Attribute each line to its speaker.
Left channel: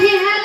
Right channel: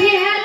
Speaker 1: he